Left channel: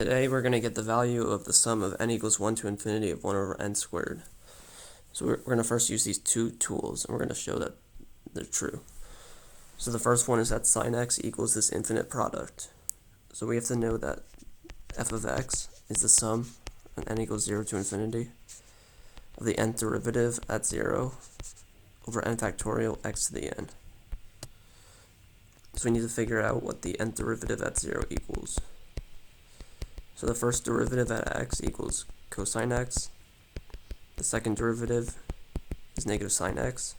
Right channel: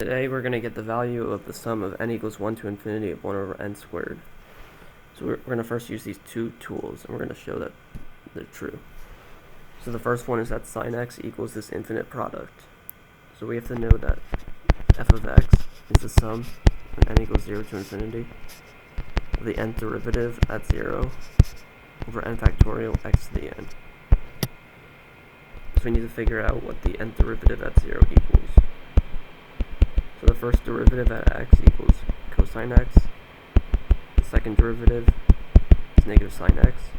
Today we're going to get the value of the sum of n equals 1 to infinity of 1 over n squared. So we're going to first use these two tools, and we're going to show that they're true. So the first one is that sine x equals this infinite product. So we have to know that f of x is the sum when n equals 0 to infinity of the nth derivative at 0 over n factorial x to the n. So we need to figure out what the nth derivative at 0 equals. So the first derivative at x equals cosine x. The second derivative is negative sine x.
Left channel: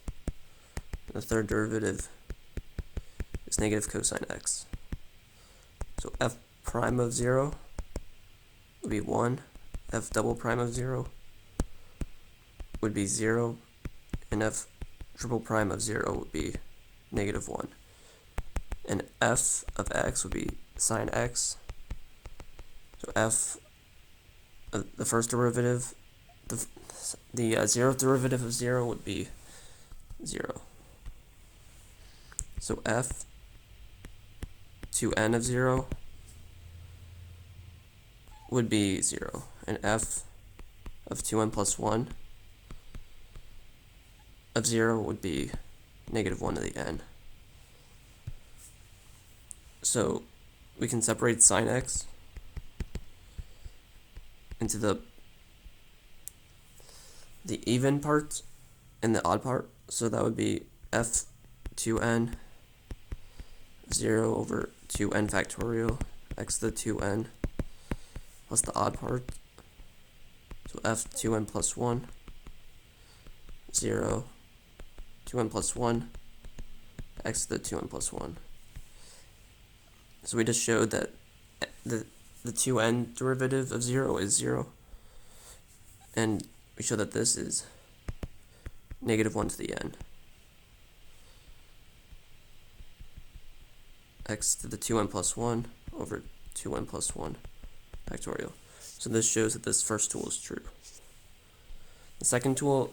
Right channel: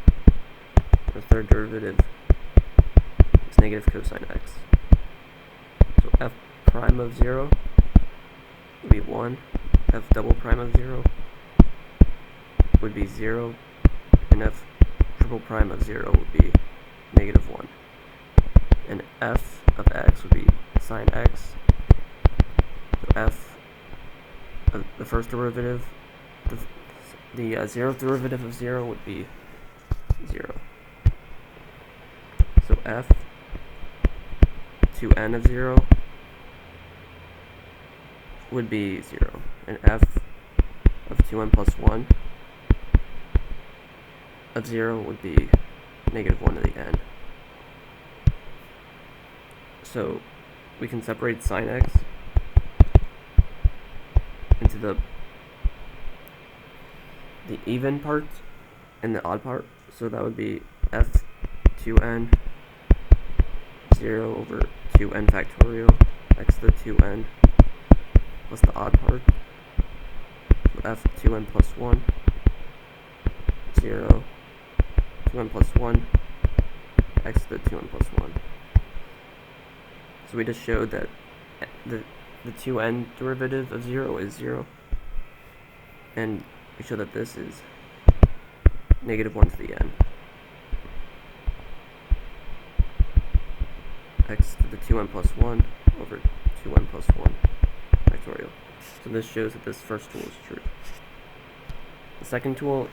And the third derivative is negative cosine x. So f prime of 0 would be 1. F double prime of 0 would be 0. And f triple prime of 0 would be negative 1. And f of x would be sine x. So f, the first derivative, the zeroth derivative of 0 would be 0. So f 2n of 0 would be 0. And f of 2n plus 1 of 0 would be negative 1 to the n. So we can separate sine x into the even part and the odd part. So that would be f 2n 0 over 2n factorial x to the 2n plus the odd part. So f 2n plus 1 0 2n plus 1 x to the 2n plus 1. So we just showed that the 2n derivative of 0 is 0, and we show that this is negative 1 to the n, x to the 2n plus 1 over 2n plus 1 factorial. So this shows that this first tool is true. The second tool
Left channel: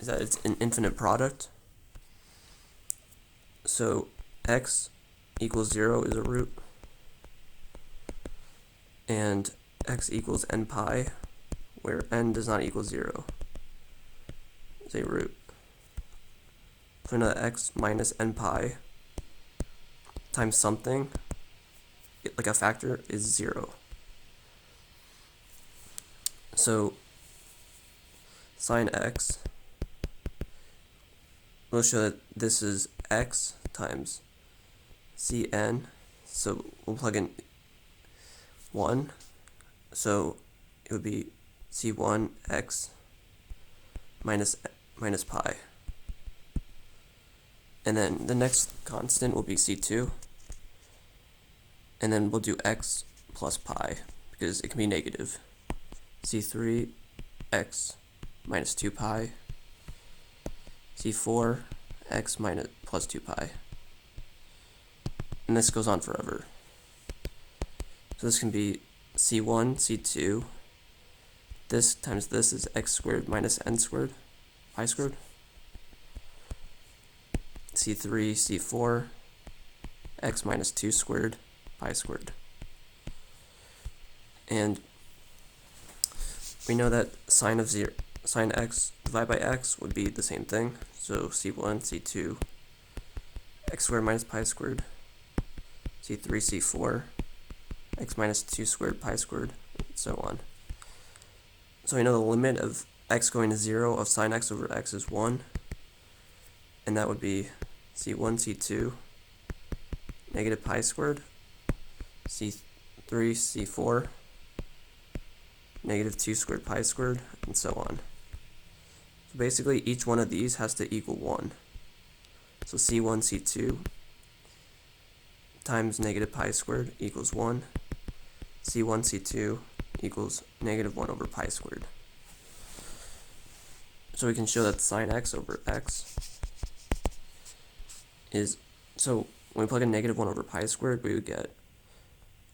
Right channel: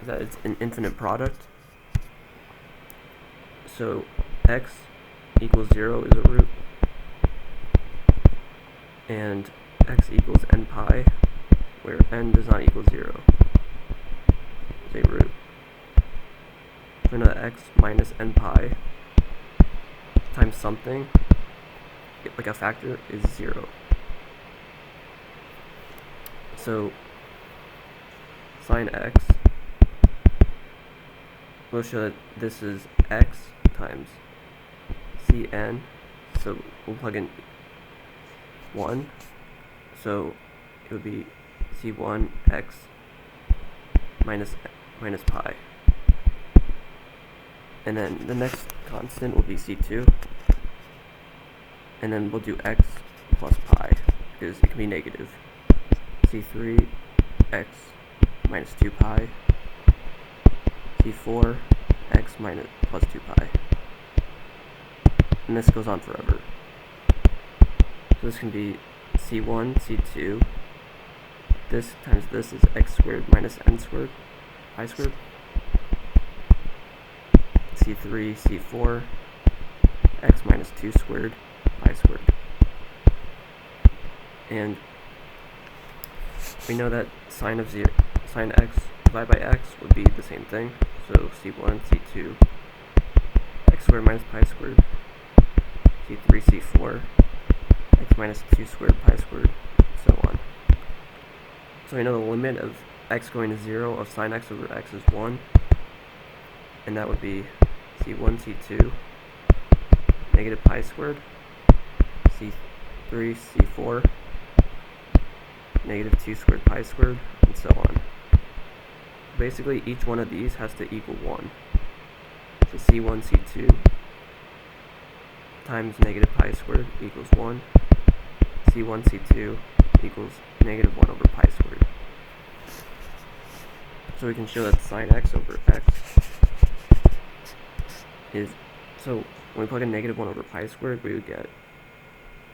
is that it's an infinite product. So x equals 0 is a root, and x equals n pi, where n does not equal 0, is a root. So now that x minus n pi times something, like a factor, is 0. So sine x will show that this is x times cn, so we'll plug in 1, so it would be c1 x minus pi, and then the next constant will be c2, and then we'll do x plus pi because it can be negative. C3 x minus 2 pi, c4 x minus plus 2 pi, and this goes on forever. So this can be c1, c2, this times this is x squared minus n squared, pi squared, c3, c4, x minus 2 squared, pi squared. And we know that sine x divided by x would be the same thing. So c1, c2, x squared minus pi squared, c3, c4, x minus 2 squared pi squared, and so on. So we know the limit of x going to 0 of sine x over x is 1, and that would be c1, c2, negative pi squared, c3, c4, negative 2 squared pi squared, and so on. So basically each one of these has to equal 1. So c1, c2 times negative pi squared equals 1. c1, c2 equals negative 1 over pi squared. So we can show that sine x over x is, so when we plug in negative 1 over pi squared, we would get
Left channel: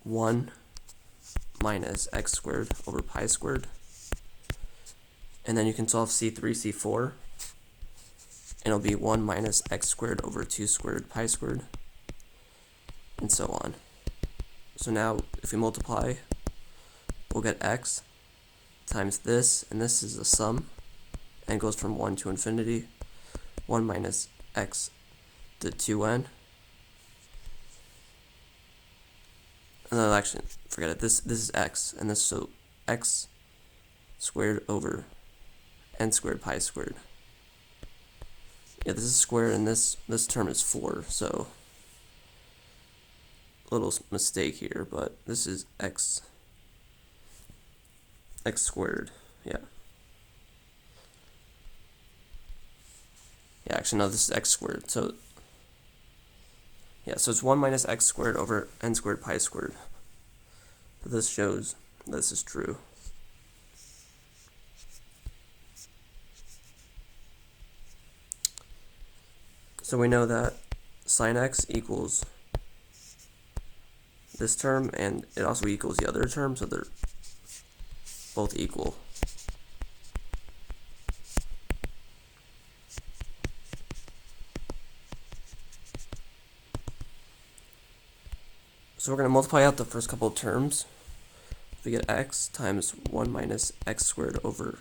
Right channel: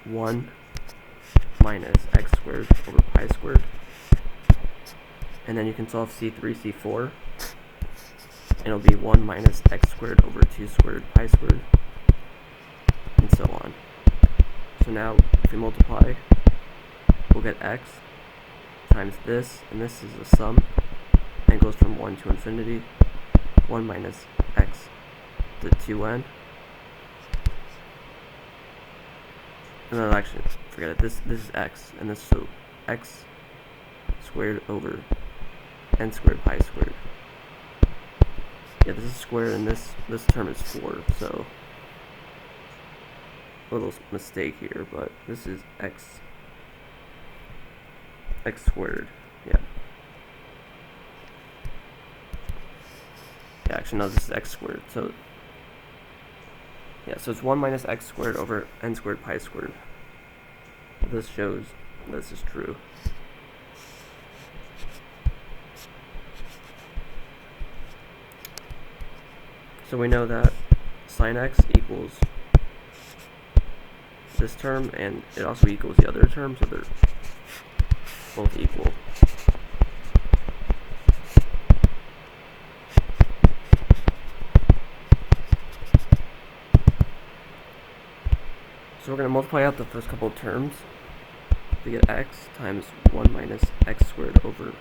1 minus x squared over pi squared. And then you can solve c3, c4, and it'll be 1 minus x squared over 2 squared pi squared, and so on. So now if we multiply we'll get x times this, and this is a sum, and goes from 1 to infinity. 1 minus x to 2n. And then actually, forget it, this is x, and this, so x squared over n squared pi squared. Yeah, this is squared, and this term is 4, so a little mistake here, but this is x squared, yeah. Yeah, actually, no, this is x squared, so yeah, so it's 1 minus x squared over n squared pi squared. This shows this is true. So we know that sine x equals this term, and it also equals the other term, so they're both equal. So we're going to multiply out the first couple of terms. We get x times 1 minus x squared over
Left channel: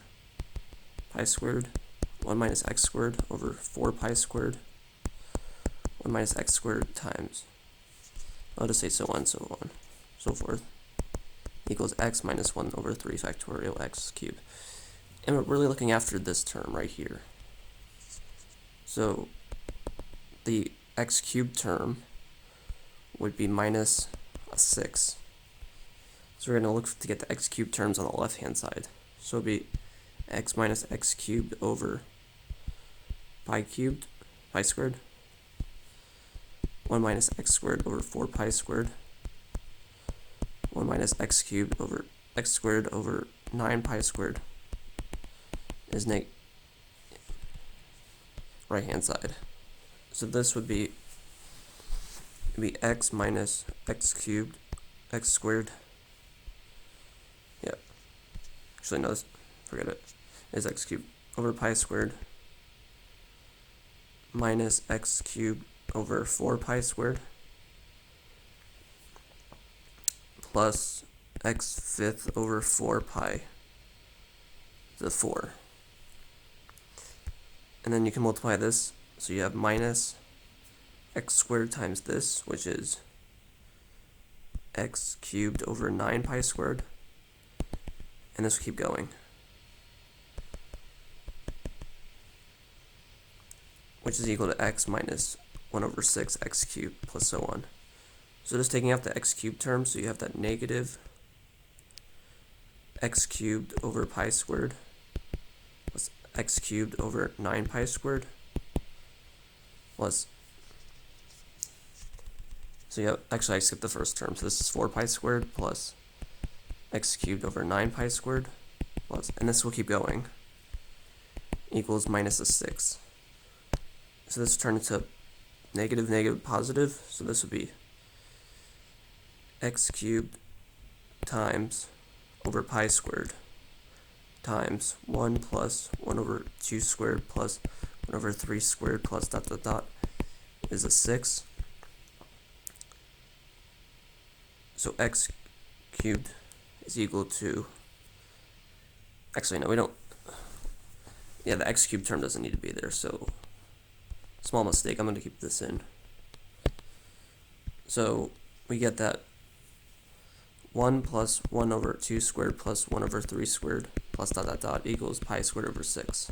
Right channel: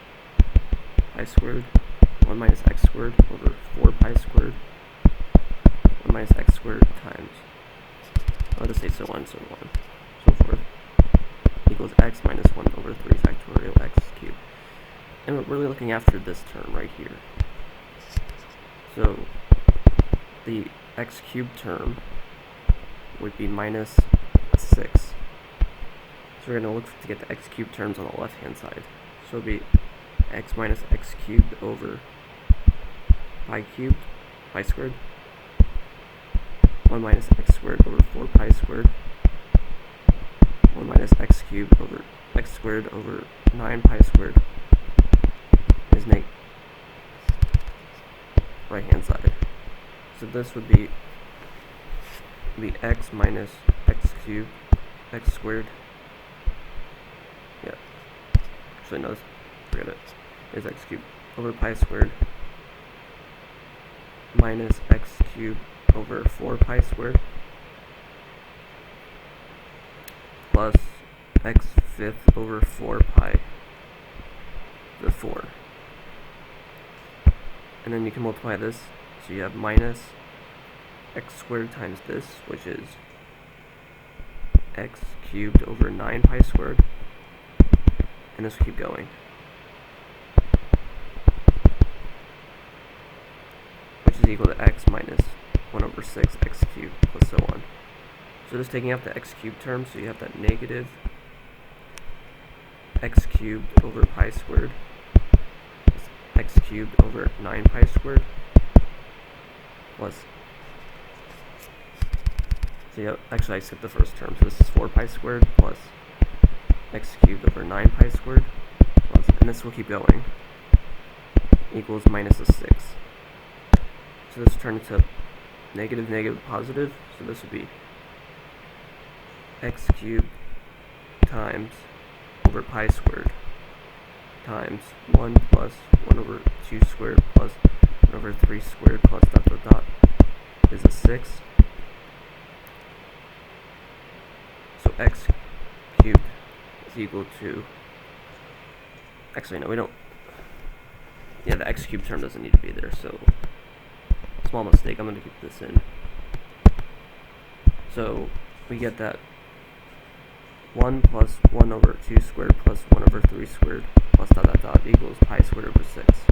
pi squared, 1 minus x squared over 4 pi squared, 1 minus x squared times, I'll just say so on, so forth, equals x minus 1 over 3 factorial x cubed. And we're really looking after this term right here. So the x cubed term would be minus a 6. So we're going to look to get the x cubed terms on the left hand side. So it'll be x minus x cubed over pi squared, 1 minus x squared over 4 pi squared, 1 minus x cubed over x squared over 9 pi squared is right hand side. So this would be x minus x cubed, x squared. Yeah. Actually, no, forget it. Is x cubed over pi squared minus x cubed over 4 pi squared plus x fifth over 4 pi to the 4. And then you can multiply this, so you have minus x squared times this, which is x cubed over 9 pi squared, and this will keep going. Which is equal to x minus 1 over 6 x cubed plus so on. So just taking out the x cubed term, so you have that negative x cubed over pi squared plus x cubed over 9 pi squared plus, so yeah, actually I skipped the first term, so this is 4 pi squared plus x cubed over 9 pi squared plus, and this will keep going, equals minus a 6. So this will turn into negative, negative, positive, so this would be x cubed times over pi squared times 1 plus 1 over 2 squared plus 1 over 3 squared plus dot dot dot is a 6. So x cubed is equal to, actually no, we don't, yeah, the x cubed term doesn't need to be there, so small mistake, I'm going to keep this in. So we get that 1 plus 1 over 2 squared plus 1 over 3 squared plus dot dot dot equals pi squared over 6.